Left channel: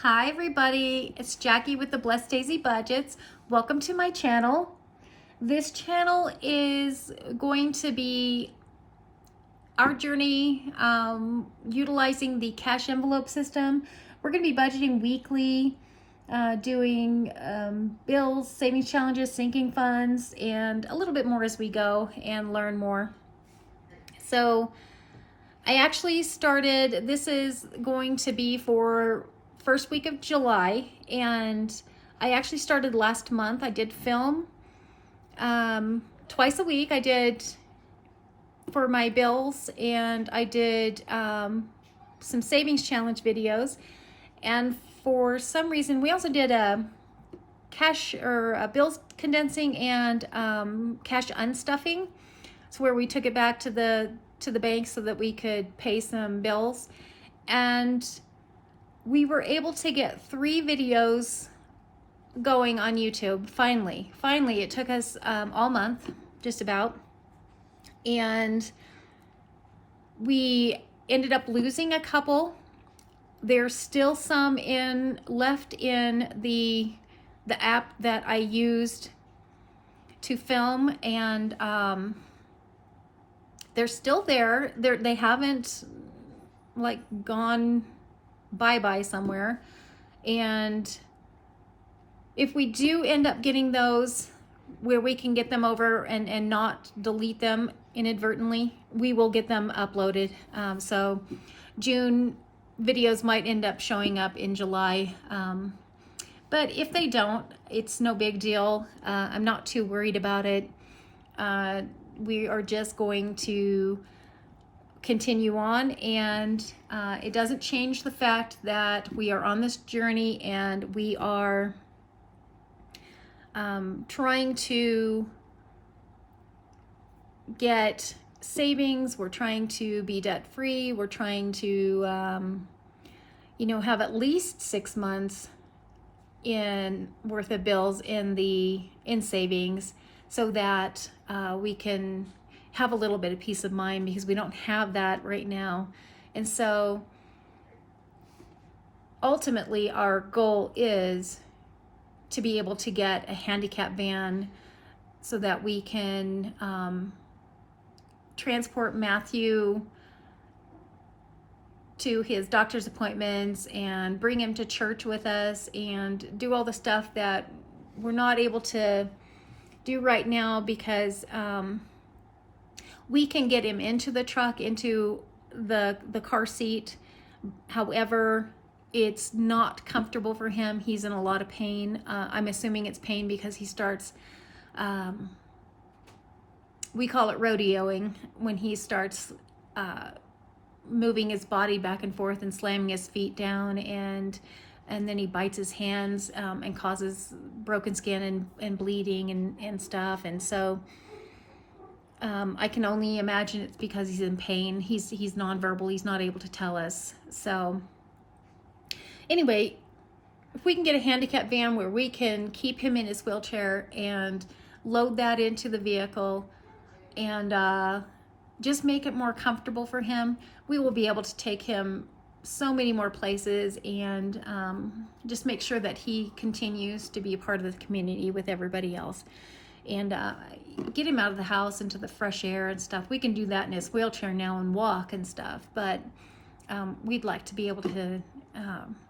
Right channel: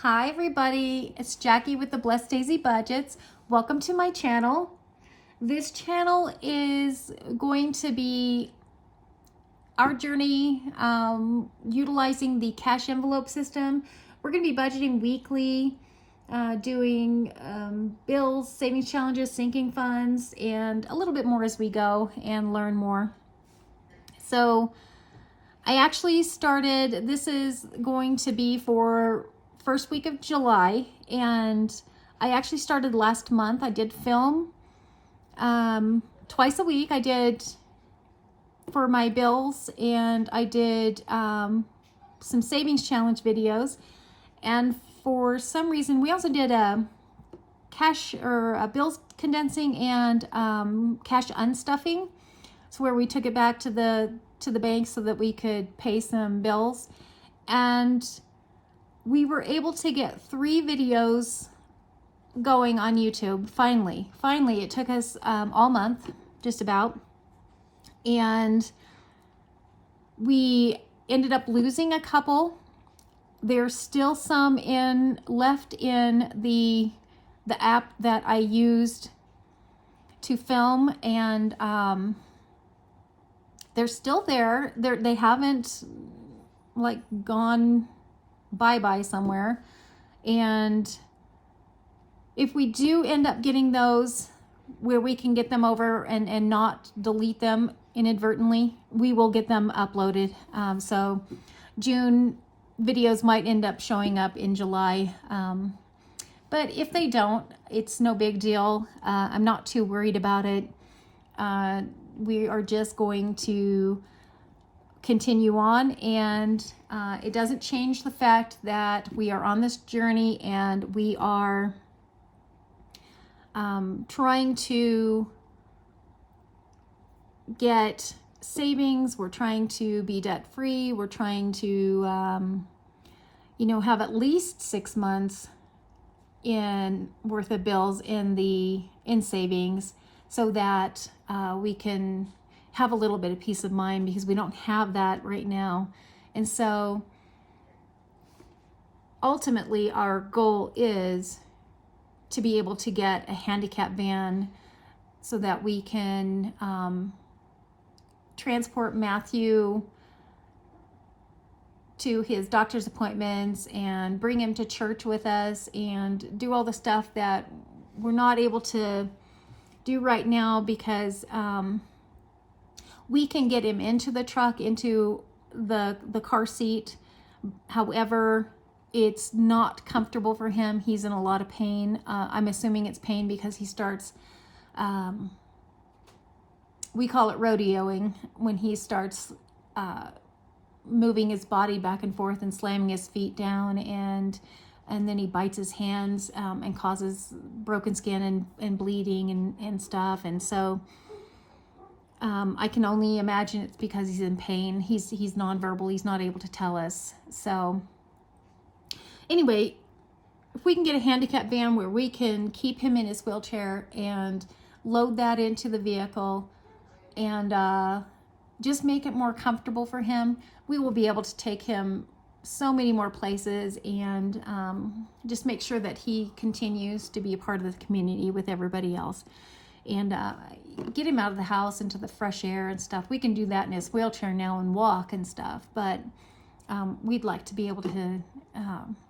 Hi everybody, it's Jackie with the Blessed Daisy Budgets. Welcome to my channel. This channel is going to be our journey utilizing the cash envelope system. We're going to be budgeting weekly, doing bills, savings challenges, sinking funds, and a little bit more as we go and learn more. So I actually started, this is going to be for first week of July, and I actually started last month. I did film twice a week. I did for my bills, and I did some savings challenge videos, and for some reason we also did a cash or a bills condensing and cash unstuffing. So where we took it back to the bank so that we could pay some bills, and we were able to get 3 videos going on YouTube. Finally, it took us all month, just about, and we ended up losing a couple. There's still some left in the app that I used to film, and they're still there. They haven't like gone bye-bye somewhere. And if we do end up getting those where we can get them over and not delete them inadvertently, we will get them uploaded. So June videos might end up showing up in July. But if they don't, it's no big deal. I'm not too worried about it. We are just going to continue on, and it doesn't change the fact that we are on this journey, and we are trying to get savings. We're trying to be debt free. We're trying to have at least 6 months worth of bills in savings, so that we can have a little bit of peace of mind, because we don't have that right now. And so ultimately our goal is to be able to get a handicap van so that we can transport Matthew to his doctor's appointments and bring him to church with us and do all the stuff that we're not able to do right now, because we can get him into the truck, into the car seat. However, it's not comfortable for him. He's in a lot of pain. I'm assuming it's pain because he starts, we call it rodeoing, when he starts moving his body back and forth and slamming his feet down, and then he bites his hands and causes broken skin and bleeding and stuff. And so I can only imagine it's because he's in pain. He's nonverbal. He's not able to tell us. So anyway, if we can get a handicap van where we can keep him in his wheelchair and load that into the vehicle and just make it more comfortable for him, we will be able to take him so many more places, and just make sure that he continues to be a part of the community with everybody else, and get him out of the house into the fresh air and stuff. We can do that in his wheelchair now and walk and stuff, but we'd like to be able to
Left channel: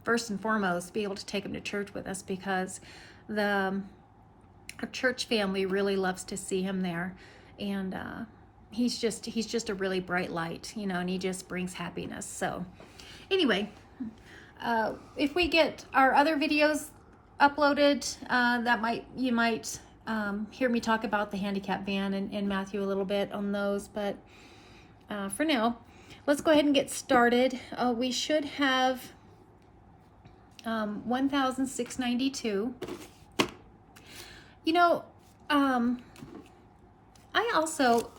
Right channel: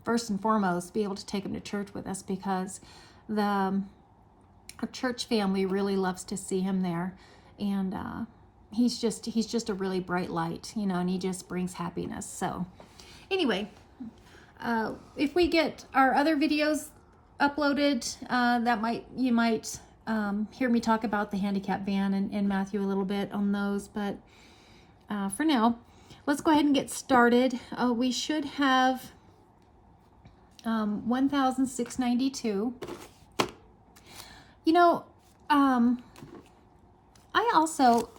first and foremost be able to take him to church with us, because our church family really loves to see him there, and he's just a really bright light, and he just brings happiness. So anyway, if we get our other videos uploaded, you might hear me talk about the handicap van and Matthew a little bit on those. But for now, let's go ahead and get started. We should have $1,692.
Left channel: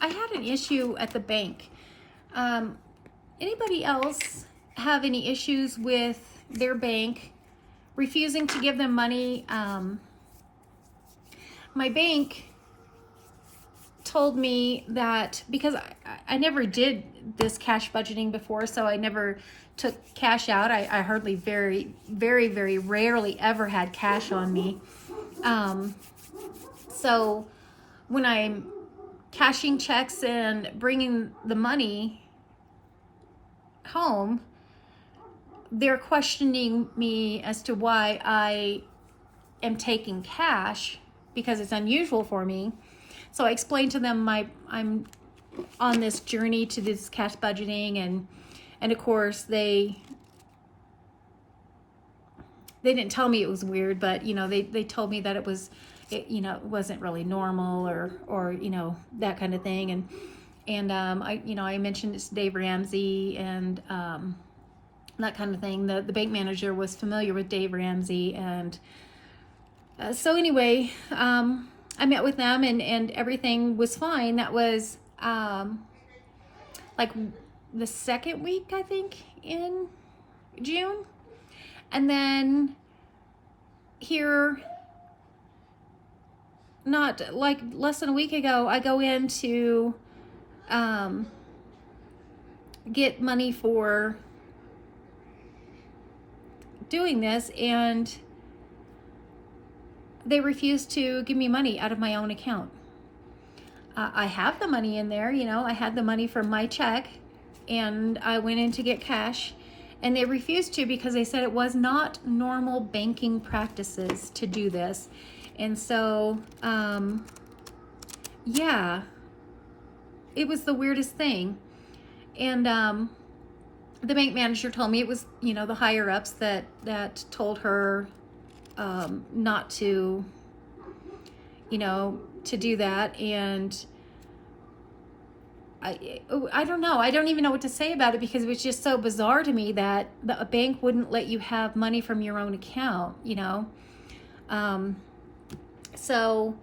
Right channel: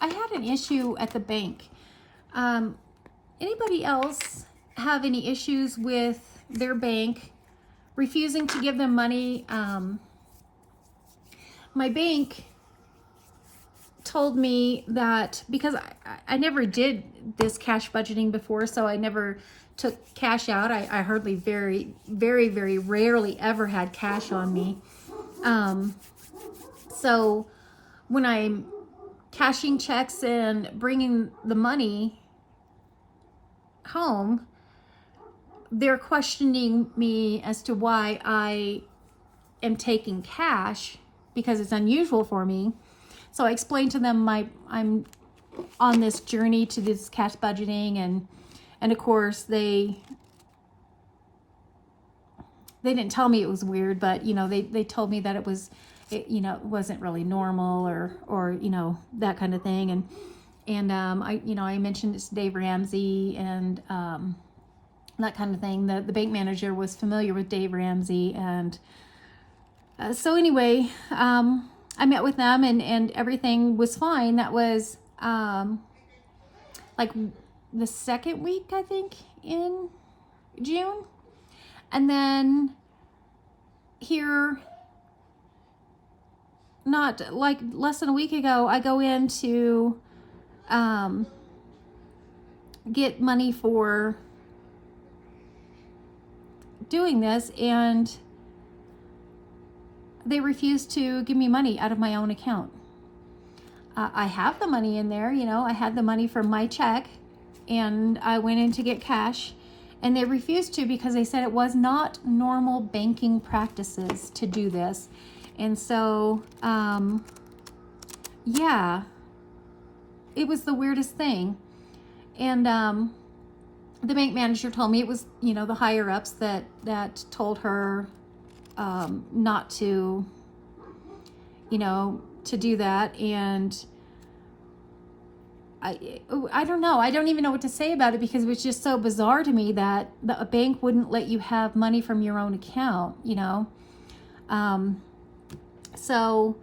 I had an issue at the bank. Anybody else have any issues with their bank refusing to give them money? My bank told me that, because I never did this cash budgeting before, so I never took cash out. I hardly, very, very, very rarely ever had cash on me. So when I'm cashing checks and bringing the money home, they're questioning me as to why I am taking cash, because it's unusual for me. So I explained to them I'm on this journey to this cash budgeting, and of course they didn't tell me it was weird, but they told me that it wasn't really normal, or that kind of thing. And I mentioned it's Dave Ramsey and that kind of thing. The bank manager was familiar with Dave Ramsey, and so anyway, I met with them, and everything was fine. That was like the second week, I think, in June. And then here, not like less than a week ago, I go in to get money for doing this, and they refuse to give me money out of my own account. I have the money in there, I had the money from my check, and I went in to get cash, and they refused to, because they said it was not normal banking practices to do this. And so, yeah, it was the weirdest thing. And the bank manager told me it was, the higher ups that told her not to, to do that. And I don't know. I don't even know what to say about it, because it was just so bizarre to me that a bank wouldn't let you have money from your own account, So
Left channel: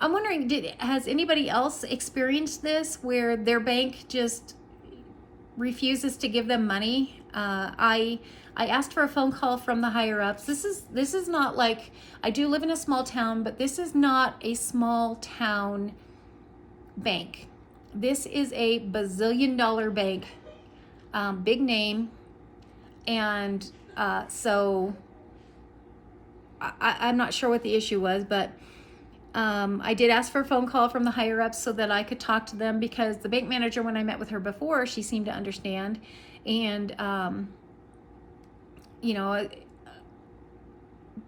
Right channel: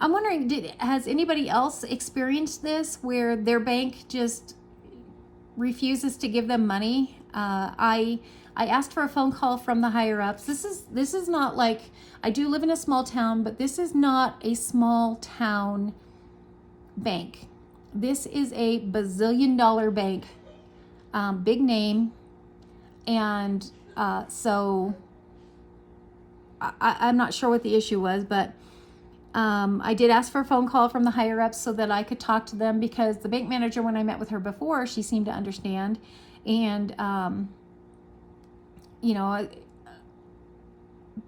I'm wondering, has anybody else experienced this where their bank just refuses to give them money? I asked for a phone call from the higher ups. This is not like, I do live in a small town, but this is not a small town bank. This is a bazillion-dollar bank, big name, and so I'm not sure what the issue was, but I did ask for a phone call from the higher ups so that I could talk to them, because the bank manager, when I met with her before, she seemed to understand, and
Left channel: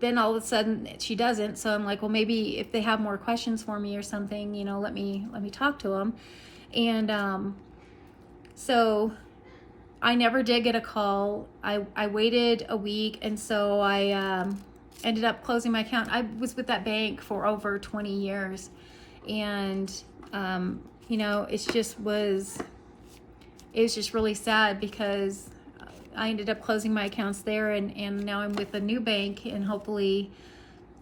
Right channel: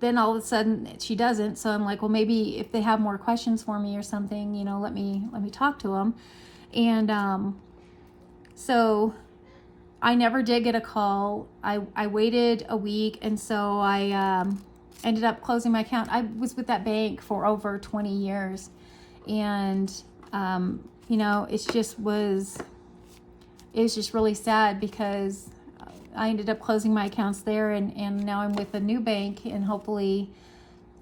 then all of a sudden she doesn't. So I'm like, well, maybe if they have more questions for me or something, let me talk to them. And so I never did get a call. I waited a week, and so I ended up closing my account. I was with that bank for over 20 years, and it was just really sad, because I ended up closing my accounts there, and now I'm with a new bank, and hopefully,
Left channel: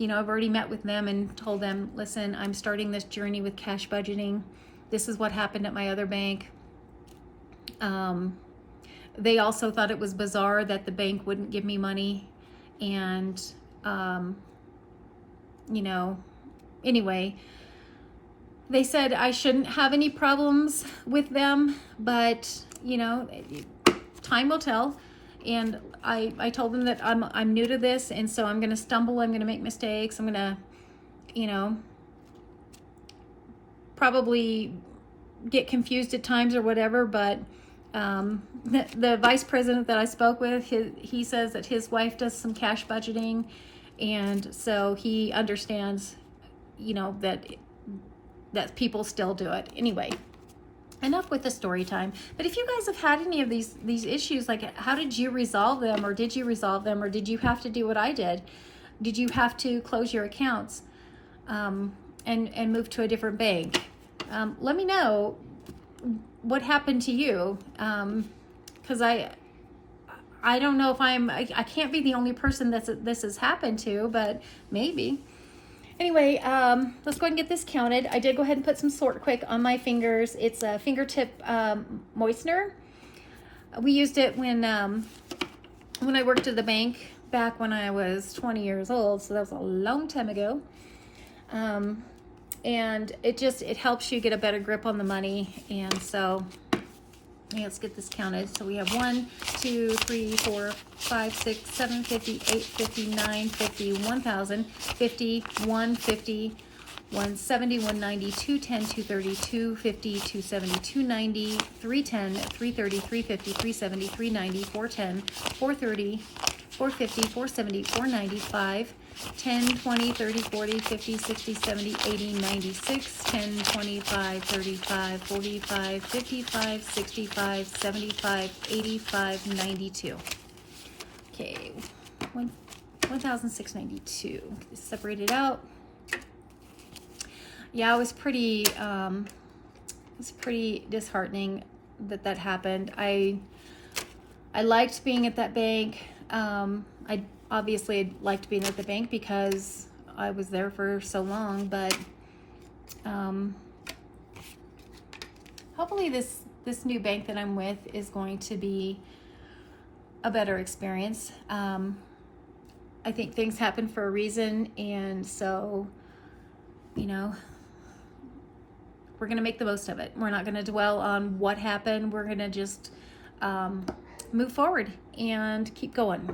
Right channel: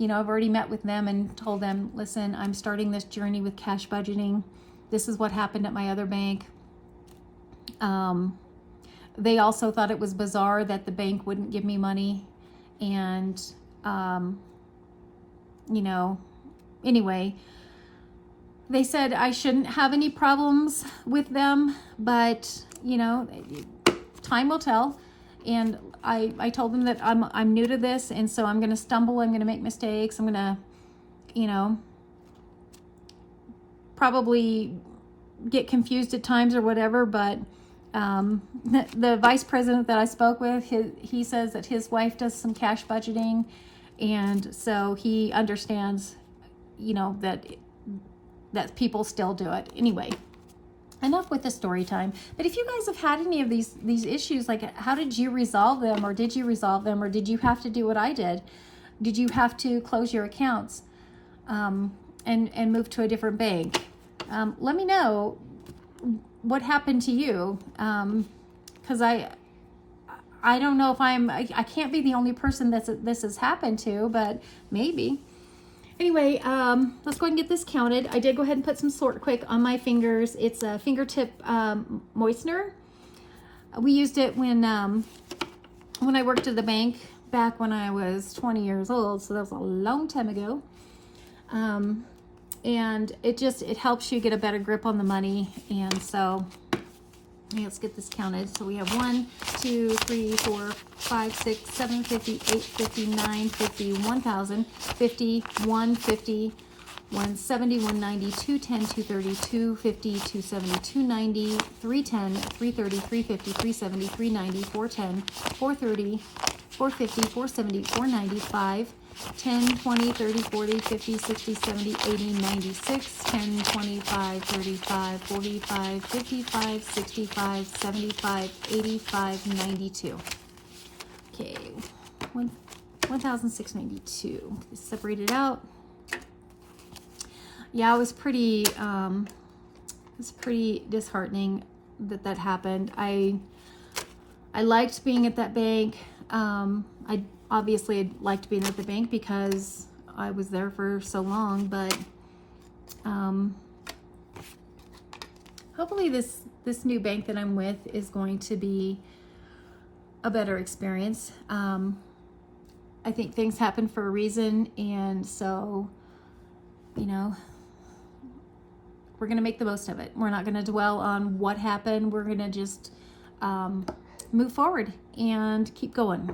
I've already met with them and told them, listen, I'm starting this journey with cash budgeting. This is what happened at my other bank. They also thought it was bizarre that the bank wouldn't give me money, and anyway, they said I shouldn't have any problems with them, but time will tell. And I told them that I'm new to this, and so I'm going to stumble, I'm going to make mistakes, I'm going to probably get confused at times or whatever, but the vice president that I spoke with, he says that his wife does some cash budgeting, and so he understands that people still do it. Anyway, enough with the story time. But if you guys have had any of these issues, like, how did you resolve them, or did you resolve them, or did you have to do what I did? Did you have to close your accounts and move to a different bank? Let me know what happened to you, because I don't know if I can't be the only person this has happened to, but maybe. Anyway, let's go ahead and get this counted. I did go ahead and put some Sort Quick on my fingers. It's a fingertip moistener. We used it when I worked at the bank back when I was 20 years old, so that was a long time ago. And it helps you get a better grip on the money. And so Okay, let's get this counted. So we have 1, 2, 3, 4, 5, 6, 7, 50, 8, 50, 9, 50, 1,000, 50, 150, 170, 190, 210, 230, 250, 270, 290, 310, 330, 350, 370, 390, 410, 430, 450, 470, 495, 10, 20, 30, 40, 50, 60, 70, 80, 96, 10, 25, 35, 45, 55, 65, 75, 85, 92. Okay, 1,692. Separate it out. Yeah, it was pretty disheartening that happened. I liked being at that bank. I obviously liked being at the bank because I was there for so long, but hopefully this new bank that I'm with is going to be a better experience. I think things happen for a reason, and so, you know, we're going to make the most of it. We're not going to dwell on what happened. We're going to just move forward and keep going.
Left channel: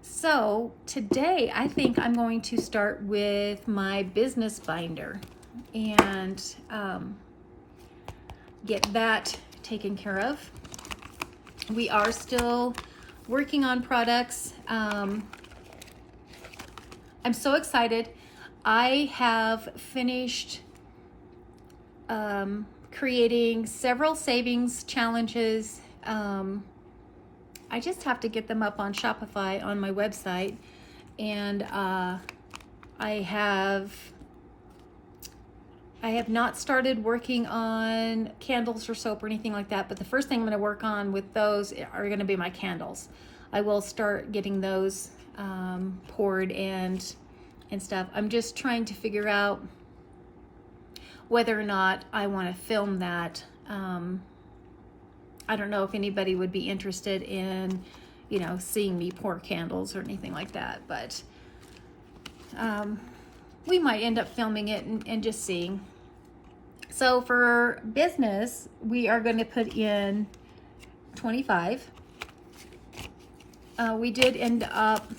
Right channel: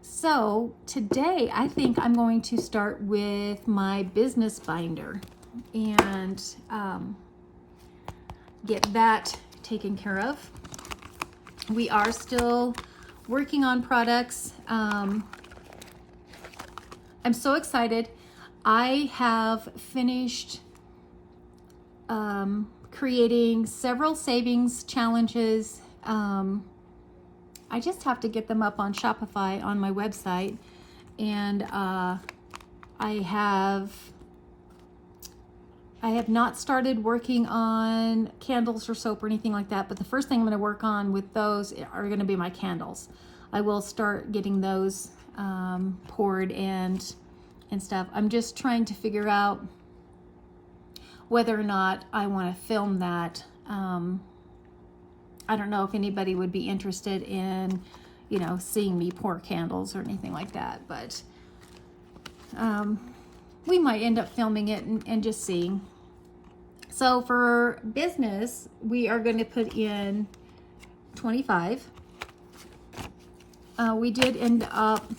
So today I think I'm going to start with my business binder and get that taken care of. We are still working on products. I'm so excited. I have finished creating several savings challenges. I just have to get them up on Shopify on my website, and I have not started working on candles or soap or anything like that, but the first thing I'm going to work on with those are going to be my candles. I will start getting those poured and stuff. I'm just trying to figure out whether or not I want to film that. I don't know if anybody would be interested in, you know, seeing me pour candles or anything like that, but we might end up filming it and just seeing. So for business, we are going to put in 25. We did end up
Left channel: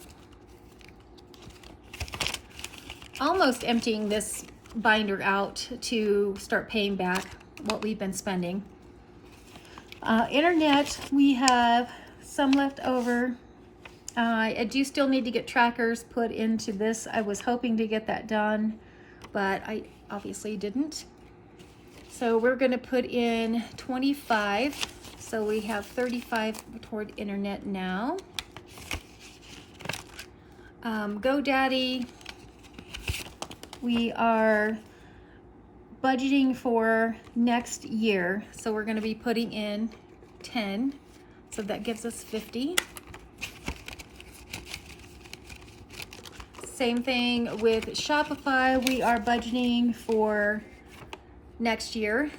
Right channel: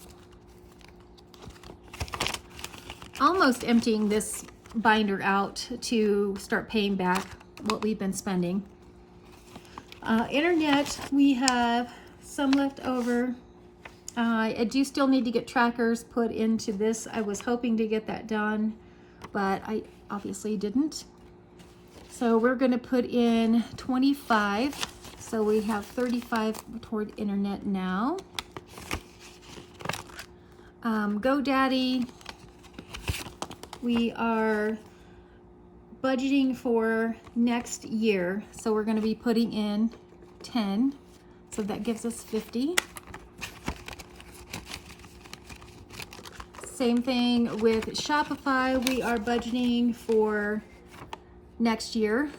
almost emptying this binder out to start paying back what we've been spending. Internet, we have some left over. I do still need to get trackers put into this. I was hoping to get that done, but I obviously didn't. So we're going to put in 25. So we have 35 toward internet now. GoDaddy, we are budgeting for next year, so we're going to be putting in 10, so that gives us 50. Same thing with Shopify, we are budgeting for next year,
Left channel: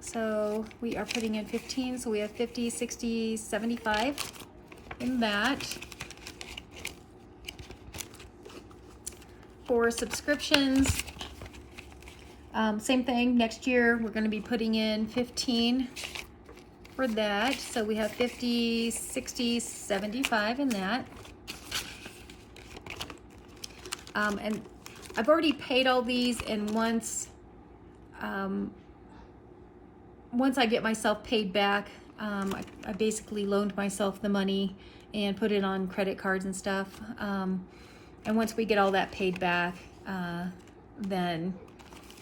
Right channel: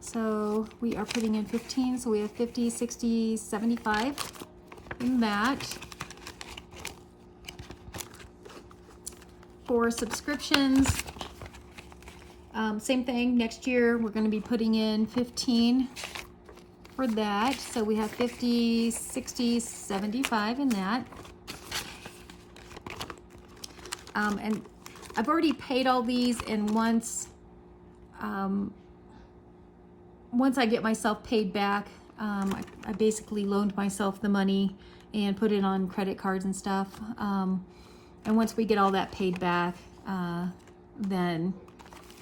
so we are putting in 15, so we have 50, 60, 75 in that. For subscriptions, same thing, next year we're going to be putting in 15 for that. So we have 50, 60, 75 in that. And I've already paid all these, and once I get myself paid back, I basically loaned myself the money and put it on credit cards and stuff. And once we get all that paid back, then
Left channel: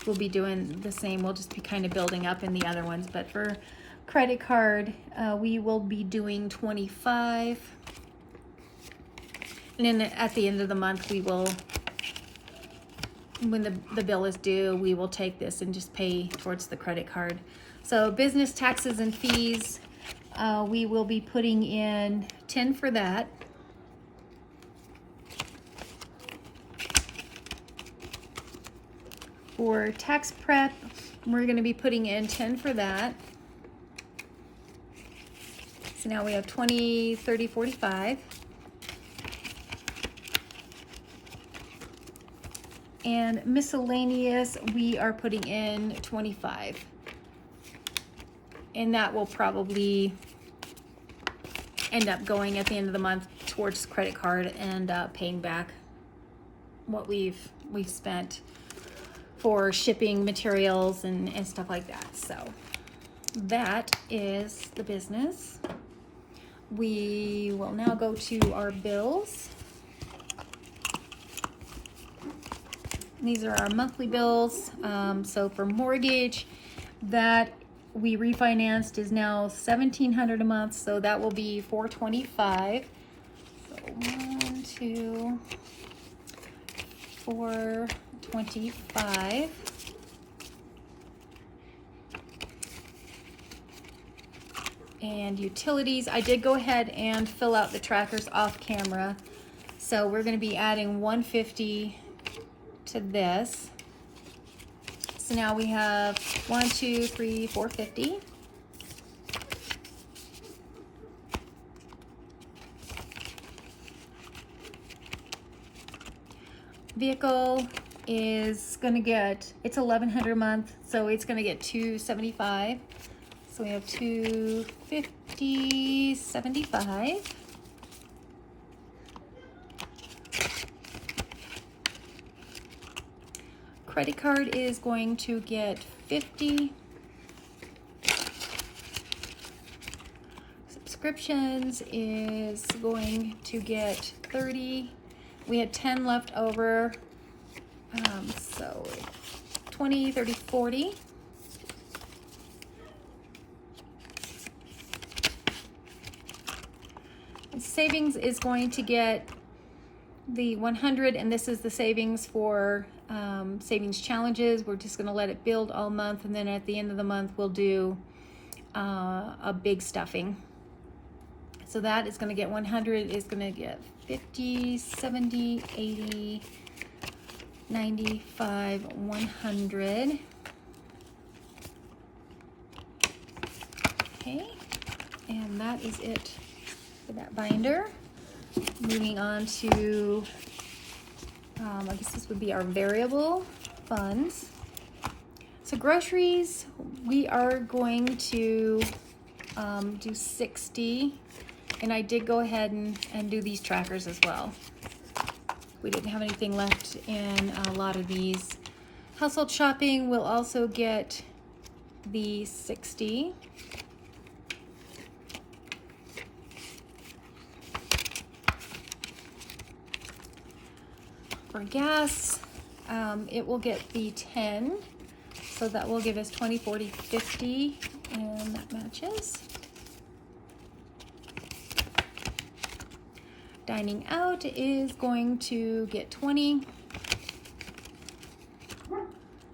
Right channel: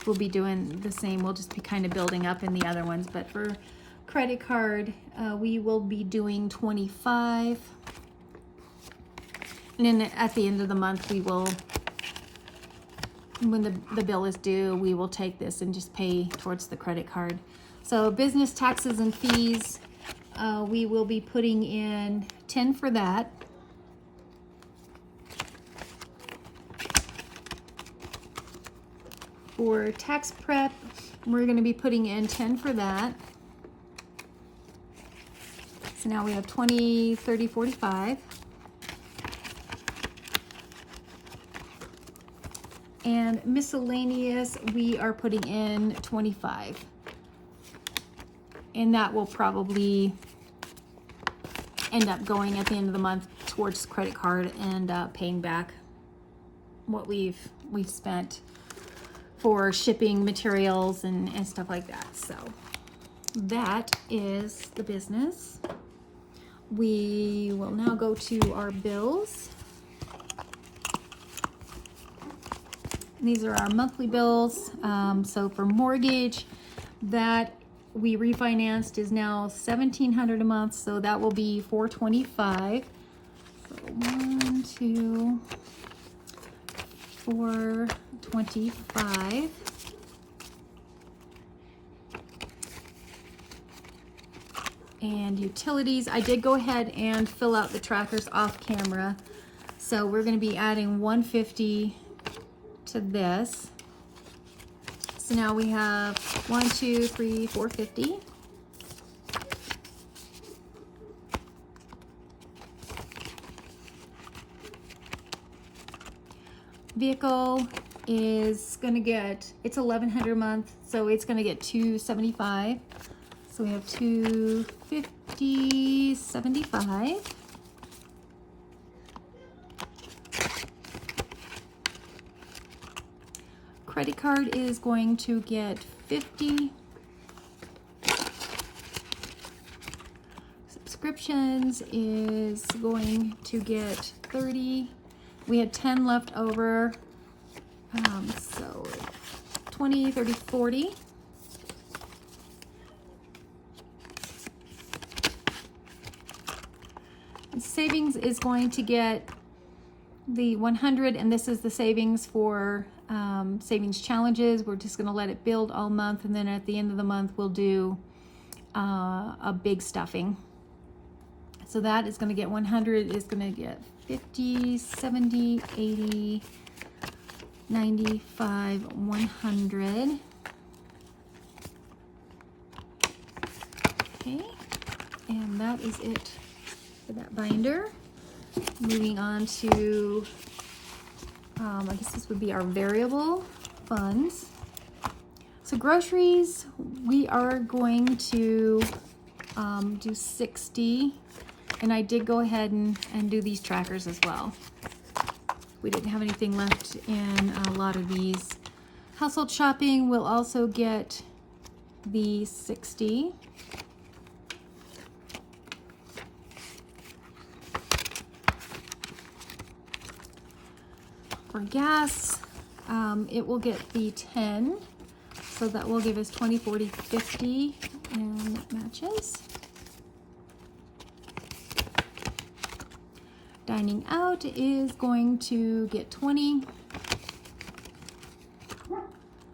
we'll be doing the same. We'll just be kind of building up in the other ones. But for credit card, we will be doing 25. And then at the end of the month, we will, when the bill is due, we will take this and just pay towards the credit card. So business taxes and fees, we will be putting in 10 for that. For tax prep, we're going to be putting in 10 for that. So now we have 20, 30, 45. And miscellaneous, we are putting in 25. and that will probably end up going at the end of the month towards credit card and paying back what we've spent for shipping materials and stuff like that. So that is the business. We will now go to our bills. These are our monthly bills. So for mortgage, that we refinanced is now $1,700 a month, so that will be $425. 1, 2, 425. And utilities, I did go ahead and fill out the trackers off camera, so we're going to be adding $150 to this. So now we have 1, 2, 3, 450. Vehicle is going to get, it's $1,100 a month, so it's going to get $275. So we have $250.75. Credit card is going to get $50. Subscriptions is going to get $30. We had 10 left over, so 20, 30, 40. Savings is going to get the 100, and this is the savings for savings challenges. We're just going to let it build all month, and then at the end of the month we'll do a big stuffing. So that is going to get 100, is going to get 50, 70, 80, 95, 100. Okay, and that is it for that binder. Moving on to, I guess this would be our variable funds. So groceries, we are going to do 60, and I did go ahead and do these trackers as well. We didn't have anything left in a lot of these. Household shopping will also get the 60. For gas, it will get the 10, so that will give us 20, 40, 50, and that matches. Dining out is going to get 20.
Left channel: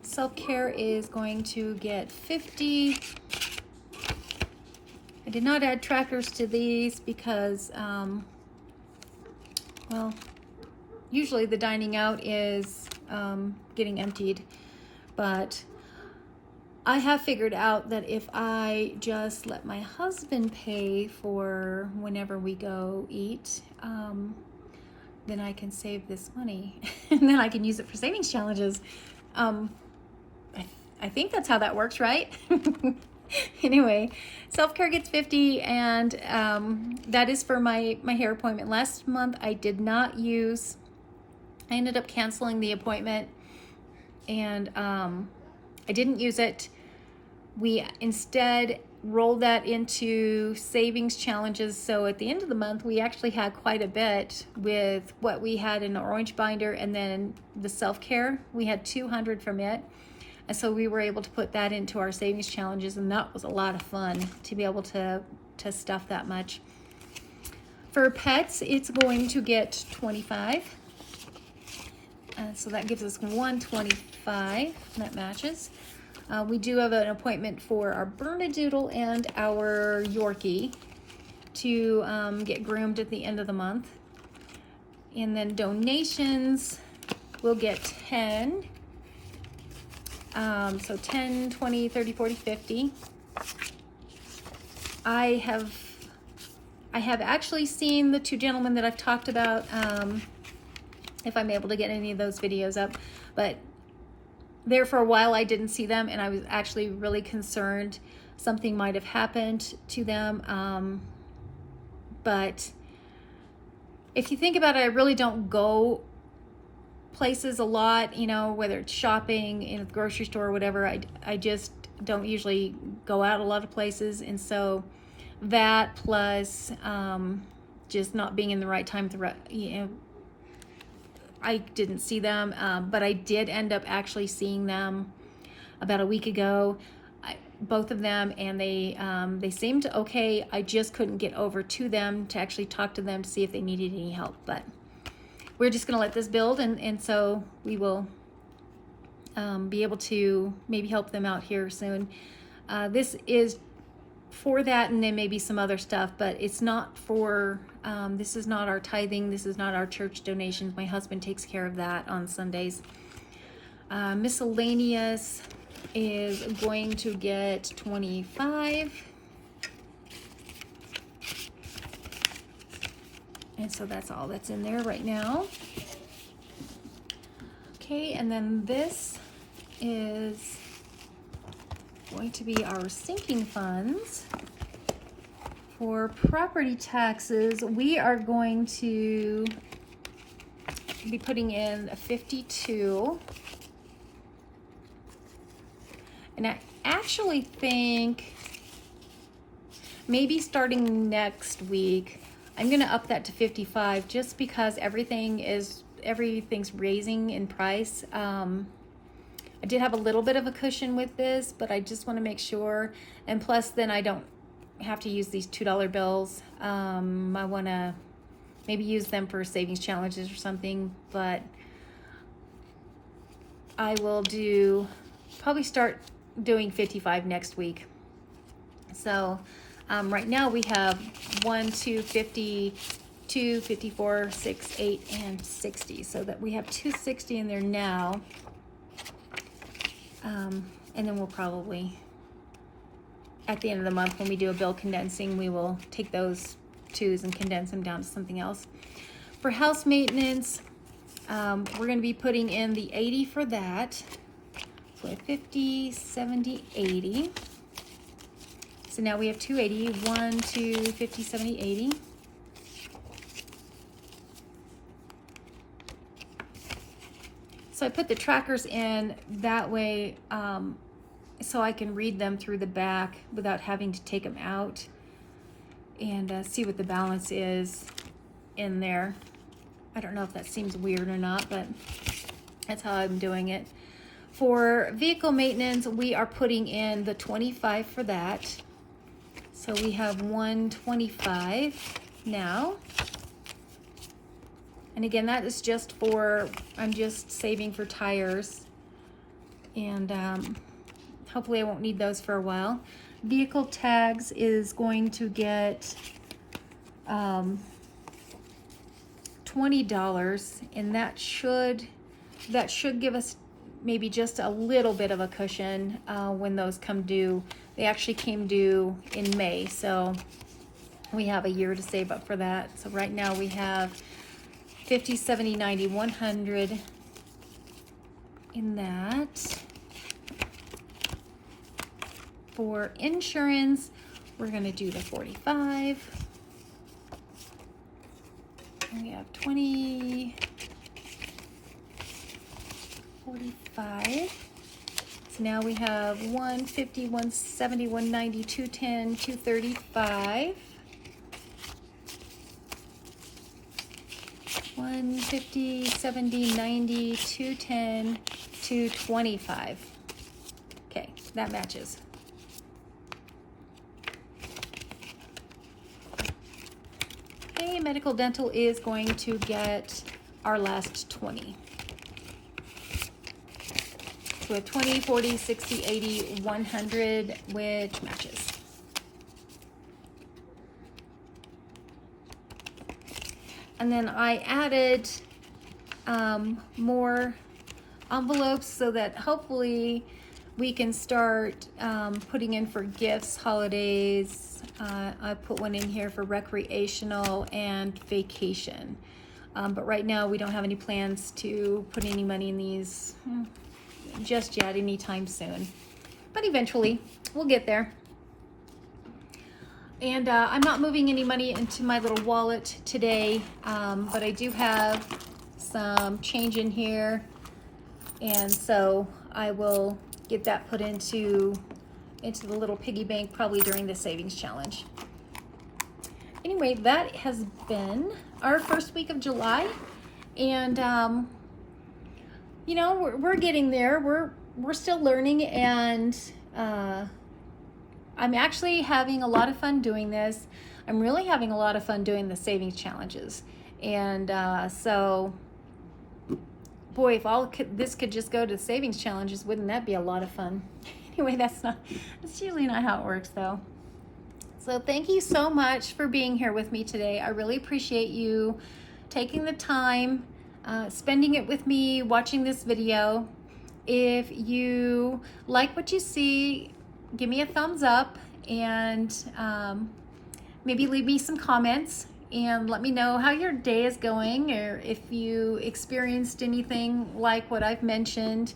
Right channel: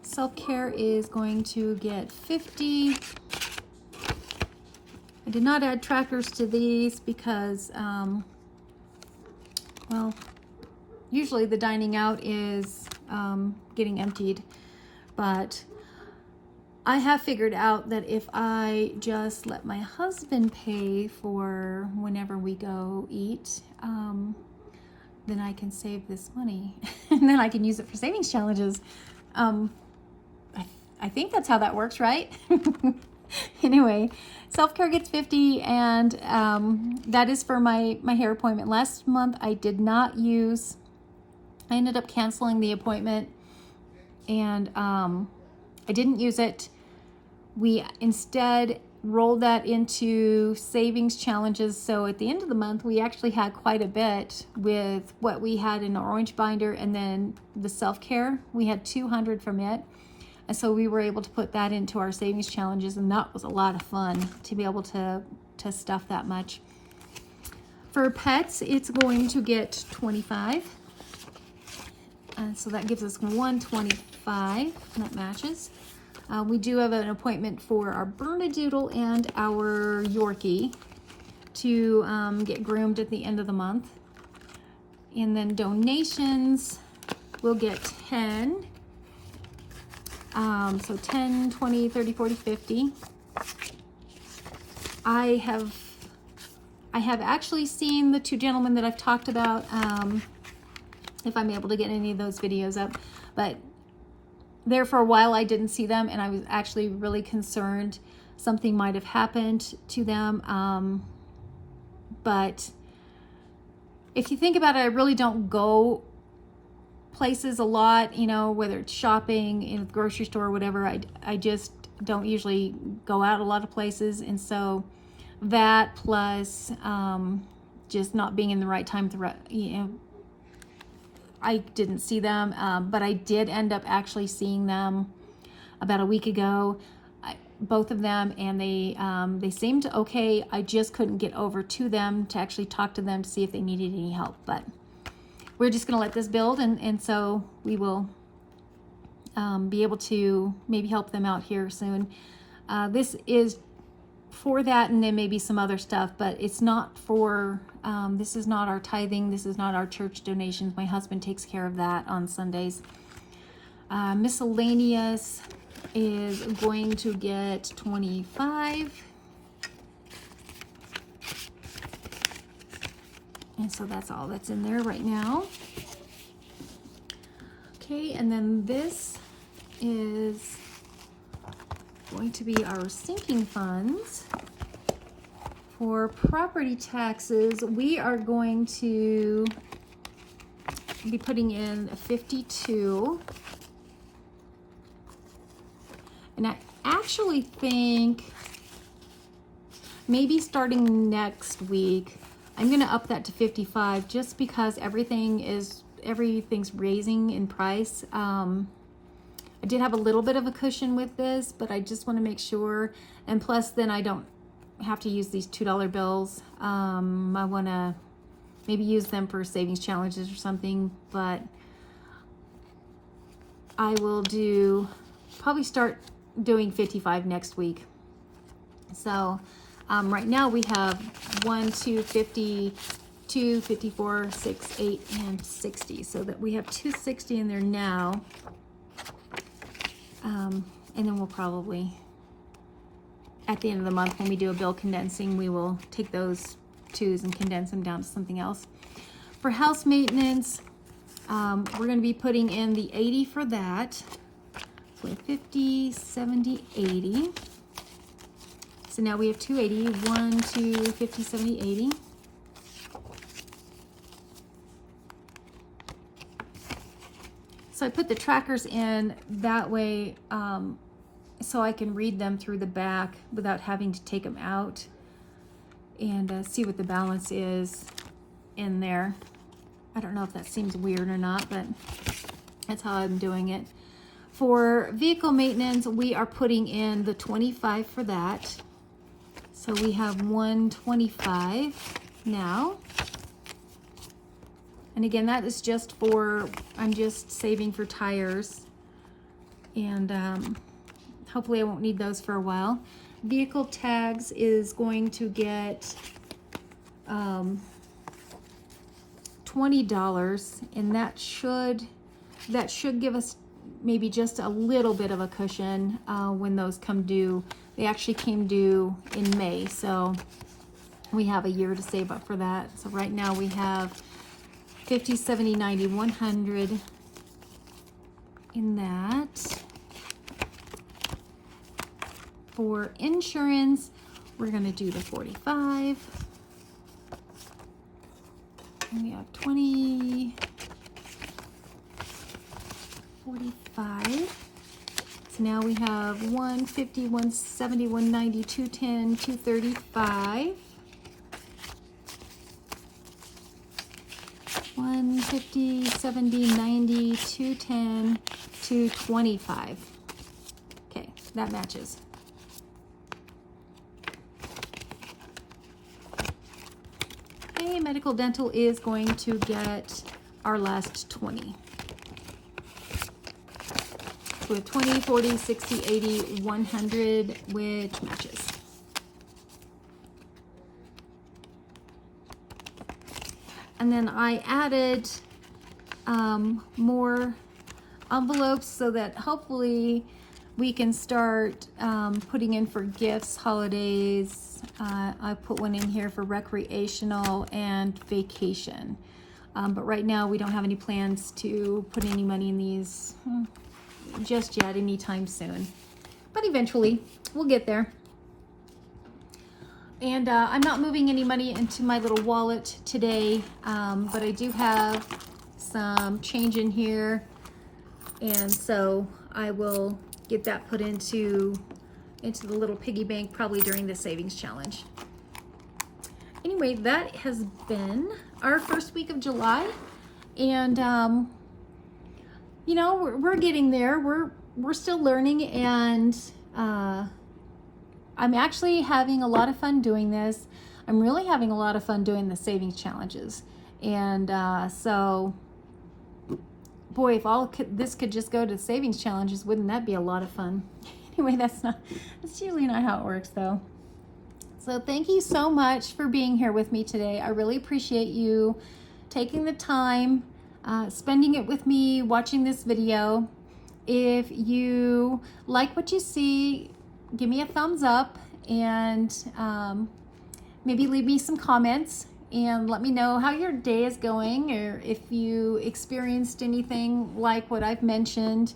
Self-care is going to get 50. I did not add trackers to these because, well, usually the dining out is getting emptied, but I have figured out that if I just let my husband pay for whenever we go eat, then I can save this money and then I can use it for savings challenges. I think that's how that works, right? Anyway, self-care gets 50, and that is for my hair appointment. Last month I did not use, I ended up canceling the appointment, and I didn't use it. We instead rolled that into savings challenges, so at the end of the month we actually had quite a bit with what we had in our orange binder, and then the self-care, we had 200 from it, and so we were able to put that into our savings challenges, and that was a lot of fun to be able to stuff that much. For pets, it's going to get 25. So that gives us 125, and that matches. We do have an appointment for our Bernedoodle and our Yorkie to get groomed at the end of the month. And then donations, we'll get 10. So 10, 20, 30, 40, 50. I have actually seen the two gentlemen that I've talked about, if I'm able to get any of those videos up, but there for a while I didn't see them, and I was actually really concerned. something might have happened to them. But if you think about it, I really don't go places a lot, you know, whether it's shopping in the grocery store or whatever. I just don't usually go out a lot of places, and so that plus just not being in the right time, you know, I didn't see them, but I did end up actually seeing them about a week ago, both of them, and they seemed okay. I just couldn't get over to them to actually talk to them to see if they needed any help, but we're just going to let this build, and so we will be able to maybe help them out here soon. This is for that, and then maybe some other stuff, but it's not for, this is not our tithing, this is not our church donations. My husband takes care of that on Sundays. Miscellaneous is going to get 25. And so that's all that's in there right now. Okay, and then this is going to be our sinking funds. For property taxes, we are going to be putting in a 52. And I actually think maybe starting next week, I'm going to up that to 55 just because everything's raising in price. I did have a little bit of a cushion with this, but I just want to make sure. And plus, then I don't have to use these $2 bills. I want to maybe use them for savings challenges or something, but I will probably start doing 55 next week. So right now we have 1, 2, 50, 2, 54, 6, 8, and 60. So that we have 260 in there now. And then we'll probably, at the end of the month when we do a bill condensing, we will take those 2s and condense them down to something else. For house maintenance, we're going to be putting in the 80 for that. So 50, 70, 80. So now we have 280, 1, 2, 50, 70, 80. So I put the trackers in that way so I can read them through the back without having to take them out and see what the balance is in there. I don't know if that seems weird or not, but that's how I'm doing it. For vehicle maintenance, we are putting in the 25 for that. So we have 125 now. And again, that is just for, I'm just saving for tires. And hopefully I won't need those for a while. Vehicle tags is going to get $20, and that should give us maybe just a little bit of a cushion when those come due. They actually came due in May, so we have a year to save up for that. So right now we have 50, 70, 90, 100 in that. For insurance, we're going to do the 45. And we have 20, 45. So now we have 150, 170, 190, 210, 235. 150, 70, 90, 210, 225. Okay, that matches. Okay, medical dental is going to get our last 20. So we have 20, 40, 60, 80, 100, which matches. And then I added more envelopes so that hopefully we can start putting in for gifts, holidays. I put one in here for recreational and vacation. But right now we don't have any plans to put any money in these just yet, anytime soon. But eventually we'll get there. And I'm not moving any money into my little wallet today, but I do have some change in here, and so I will get that put into the little piggy bank probably during the savings challenge. Anyway, that has been our first week of July, and you know, we're getting there. We're still learning, and I'm actually having a lot of fun doing this. I'm really having a lot of fun doing the savings challenges, and so boy, if this could just go to savings challenges, wouldn't that be a lot of fun? Anyway, that's usually not how it works though. So thank you so much for being here with me today. I really appreciate you taking the time, spending it with me, watching this video. If you like what you see, give me a thumbs up, and maybe leave me some comments and let me know how your day is going, or if you experienced anything like what I've mentioned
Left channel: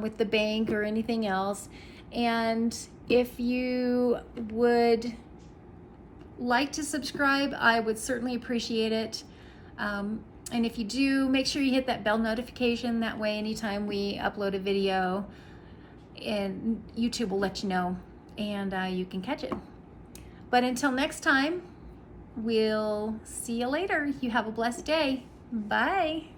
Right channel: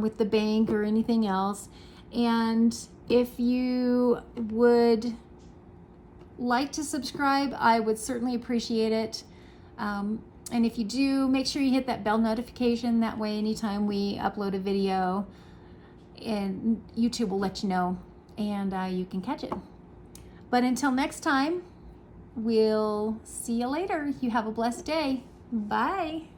with the bank or anything else. And if you would like to subscribe, I would certainly appreciate it. And if you do, make sure you hit that bell notification. That way, anytime we upload a video, and YouTube will let you know, and you can catch it. But until next time, we'll see you later. You have a blessed day. Bye.